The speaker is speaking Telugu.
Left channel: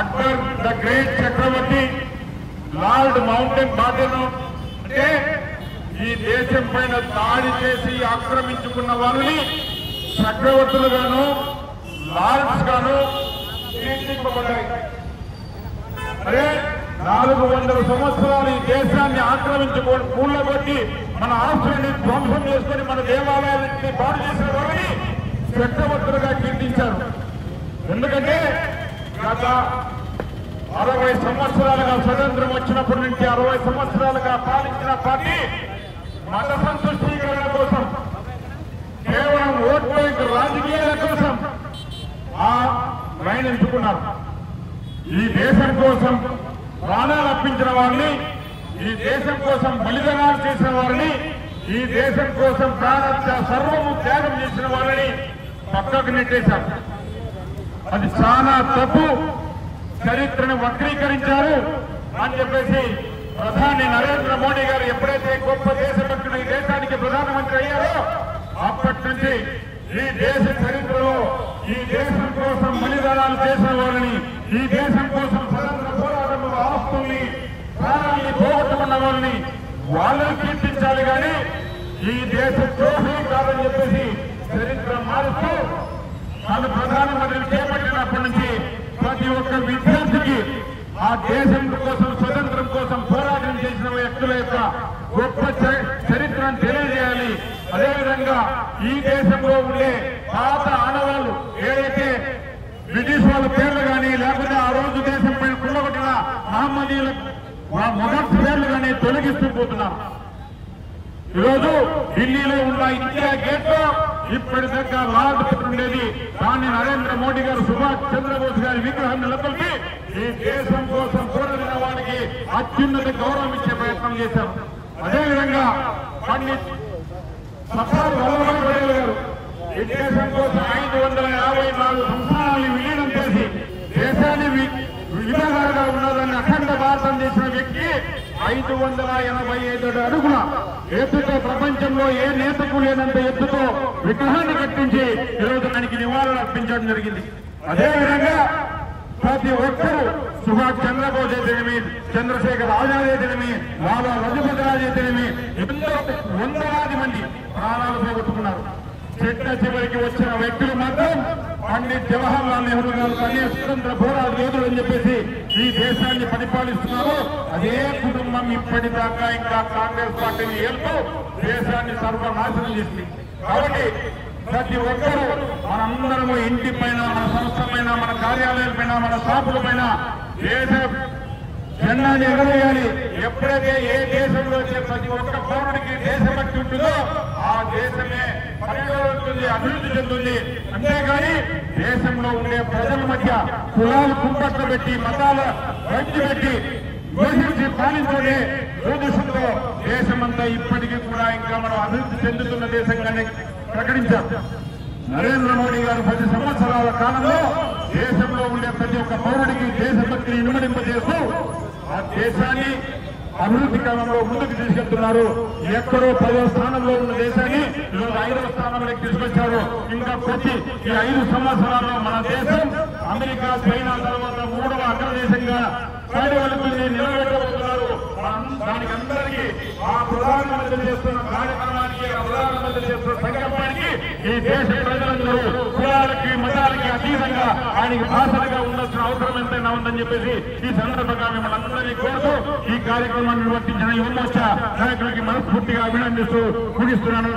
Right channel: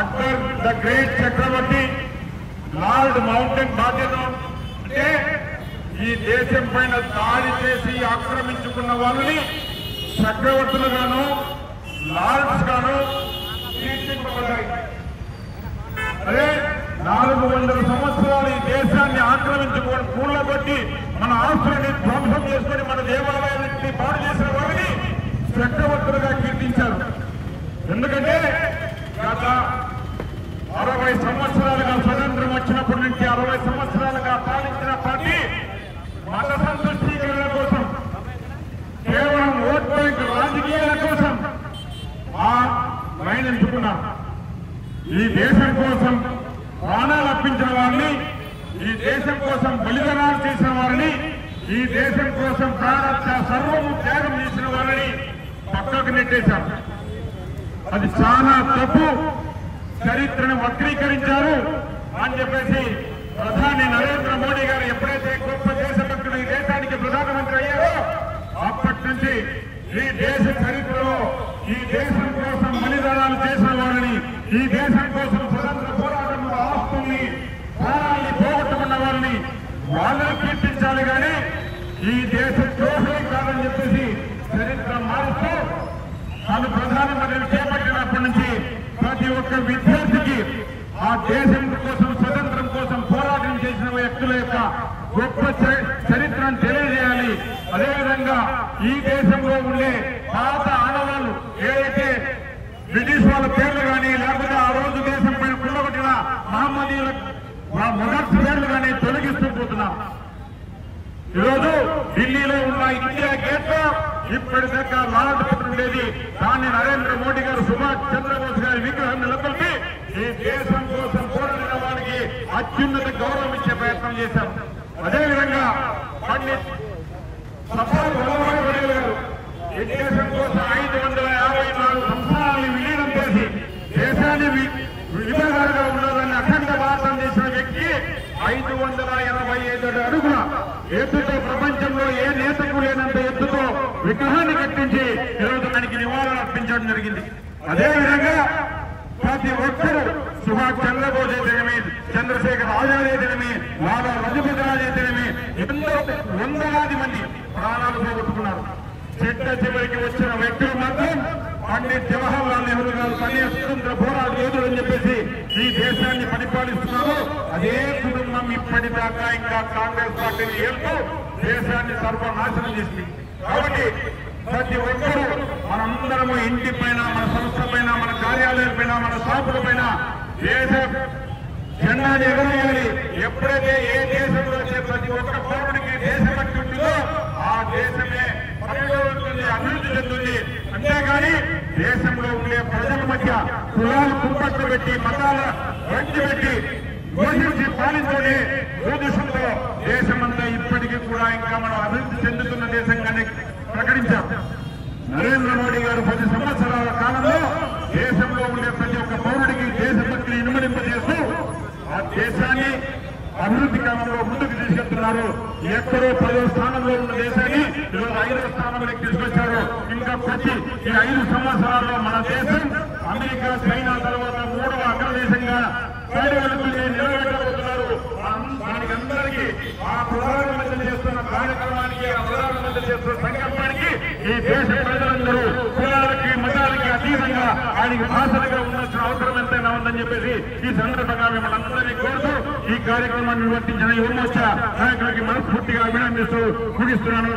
అక్బర్ ద గ్రేట్ చక్రవర్తి లార్డ్ మౌంటైన్ బాటన్ అంటే ఈ దేశం పైన దాడి చేసి ఆక్రమించుకున్న వారిని చక్రవర్తులుగాను లార్డ్స్ గాను తీర్చిదిద్దబడ్డాయి. అదే 400 సంవత్సరాలు ఈ దేశాన్ని ఆక్రమించుకొని కూడబెట్టి మన ఆస్తులని ధ్వంసం చేసుకుని మన దేవాలయాన్ని పాడు చేసిన వారిని చక్రవర్తులుగా కీర్తించారు. ఎందుకంటే గత 60 సంవత్సరాలుగా స్వతంత్రం వచ్చినప్పటి నుంచి 60 సంవత్సరాలుగా పాలించిన పార్టీ మత సంతుష్టీకరణ కోసం కేవలం ఓట్ బ్యాంక్ రాజకీయాల కోసం ఆ లైన్ ఎంచుకున్నారు. ఈ దేశం కోసం ప్రాణాలు అర్పించిన వారిని, ఈ దేశం కోసం బలిదానాలు చేసిన వారిని, ఈ దేశం కోసం సర్వము త్యాగం చేసిన వారిని పక్కకు నెట్టేశారు. అది చాలా తప్పు. చరిత్రను వక్రీకరించారు అని చెప్పేసి ప్రధాని నరేంద్ర మోడీ గారు ఎప్పుడైతే గొప్ప దేశభక్తులు ఈ దేశానికి ప్రధానమంత్రి అయ్యారో అప్పటి నుంచి ఈ దేశ చరిత్రలో ఈ దేశం కోసం బలిదానాలు చేసిన వారిని, ఈ దేశం కోసం స్వతంత్ర పోరాటంలో ఆస్తుల్ని ప్రాణాన్ని పోగొట్టుకున్న వారిని వాళ్ళని కీర్తించాలి కానీ ఈ దేశ ద్రోహం కాదని చెప్పేసి చరిత్ర మారుస్తూ తాను ప్రధానమంత్రిని చేపట్టినప్పటి నుంచి ప్రతి ఒక్క విద్యార్థికి ఆ దేశం కోసం స్వతంత్రం కోసం పోరాటం చేసిన వ్యక్తుల యొక్క గొప్ప చరిత్రను తెలియజేయాలి. అదేవిధంగా ఈ దేశంలో ఉండే పాత ఆడవాళ్ళు ఏదైతే బ్రిటిష్ వాళ్ళ పేర్లు కానీ లేకపోతే ఆ రోజు దేశం పైన కూడగొట్టిన మహమ్మదీయుల మొదటి పేర్లు కానీ తొలగిస్తూ పోతున్నారు. ఈరోజు ఢిల్లీలో ఉన్న ఇండియా గేట్ లో ఇప్పటిదాకా లార్డ్ ఉండేది. దాన్ని నరేంద్ర మోడీ గారు సుభాష్ చంద్రబోస్ గారి విగ్రహం నిలబెట్టి ఈ దేశం కోసం పోరాడిన వారికి అత్యున్నత గౌరవం ఇచ్చే ప్రయత్నం చేశాం. అదేవిధంగా పండిత్ సర్దార్ వల్లభాయ్ పటేల్ గారు ఈ దేశం కోసం 554 సంస్థానాన్ని విలీనం చేసి దేశాన్ని విధానాలుగా ఉండాలని అఖండ భారతం చేసిన వ్యక్తి 585 అడుగుల ఎత్తుతో ప్రపంచంలో ఏ నేతకు లేనంత ఎత్తుతో విగ్రహాన్ని కట్టించి ఈరోజు దానికి నివారణ అర్పించడం జరిగింది. అదేవిధంగా ప్రతి ఒక్కరూ సుభాష్ చంద్రబోస్ అయితేనేమి, చంద్రశేఖర్ ఆజాద్ అయితేనేమి, లాలా లజపతి రాయ్ అయితేనేమి ఎంతో వందలాది మంది ప్రాణాలు పోగొట్టుకున్నారు. చిట్ట చివరికి వచ్చిన వ్యక్తులు మాత్రం పండిత్ జవహర్లాల్ నెహ్రూ గారు కానీ స్వతంత్ర పోరాట యోధులు అని చెప్పేసి ఈ దేశాన్ని పరిపాలిస్తున్నారు. అదే కుటుంబం ఇప్పటిదాకా ఇంకా కాంగ్రెస్ పార్టీని ఏళ్తూ దేశాన్ని సర్వనాశనం చేసింది. కాబట్టి ప్రతి ఒక్కరూ మనందరము ఇంటి పైన, మన సంస్థ పైన, మన కార్యాలయం పైన, మన షాపుల పైన దేశ జెండాని ఎగరేయాలి. ఎప్పుడైతే ఏ దేశంలో ప్రతి ఒక్క పౌరుడికి దేశభక్తి ఉంటుందో ఆ దేశమే పరిగెడుతుంది, అభివృద్ధి చెందుతుంది. అంతేగాని దేశంలో ఉండే ప్రజల మధ్య కులాలు కుంపట్లు పెట్టి, మతాల వంచి పెట్టి ఘోషించి పాలించే దురదృష్టంతో దేశమంతా ఇప్పటికీ కూడా ఇంకా మనం అభివృద్ధి చెందుతున్న దేశంగానే ప్రకటించాం. నరేంద్ర మోడీ గారు 10 సంవత్సరాల కాలంలో దేశంలో ఉండే ప్రతి ఒక్క పౌరుడికి దేశభక్తిని ఇనుమడింపజేస్తూ ఆ దేశాన్ని అభివృద్ధి కాలంలో ముందుకు తీసుకెళ్తున్నారు. ఎక్కడో 10వ స్థానంలో ఉన్న దేశాన్ని 5వ స్థానంలోకి తీసుకొచ్చారు. ఇంకా ప్రతి ఈ 5 సంవత్సరాల్లో మన దేశం అమెరికా, చైనా తర్వాత 3వ అగ్రదేశంగా నిలబెట్టబోతున్నారు. దానికి అందరికీ ఆ ప్రధానమంత్రి చేస్తున్న కార్యక్రమానికి, ఆ ప్రధానమంత్రి చేస్తున్న సంకల్పానికి ఈ దేశ ప్రజలందరూ కులాలకి, మతాలకి అతీతంగా ఆయనకి బాసలుగా ఉండాల్సిన అవసరం ఎంతైనా ఉందని చెప్పేసి ఈ సందర్భంగా మిమ్మల్ని అందరినీ కోరుతూ ఈ కార్యక్రమాన్ని నిర్వర్తించిన యువమోర్చా నాయకులకి మనస్ఫూర్తిగా అభినందిస్తూ ముగిస్తున్నాను.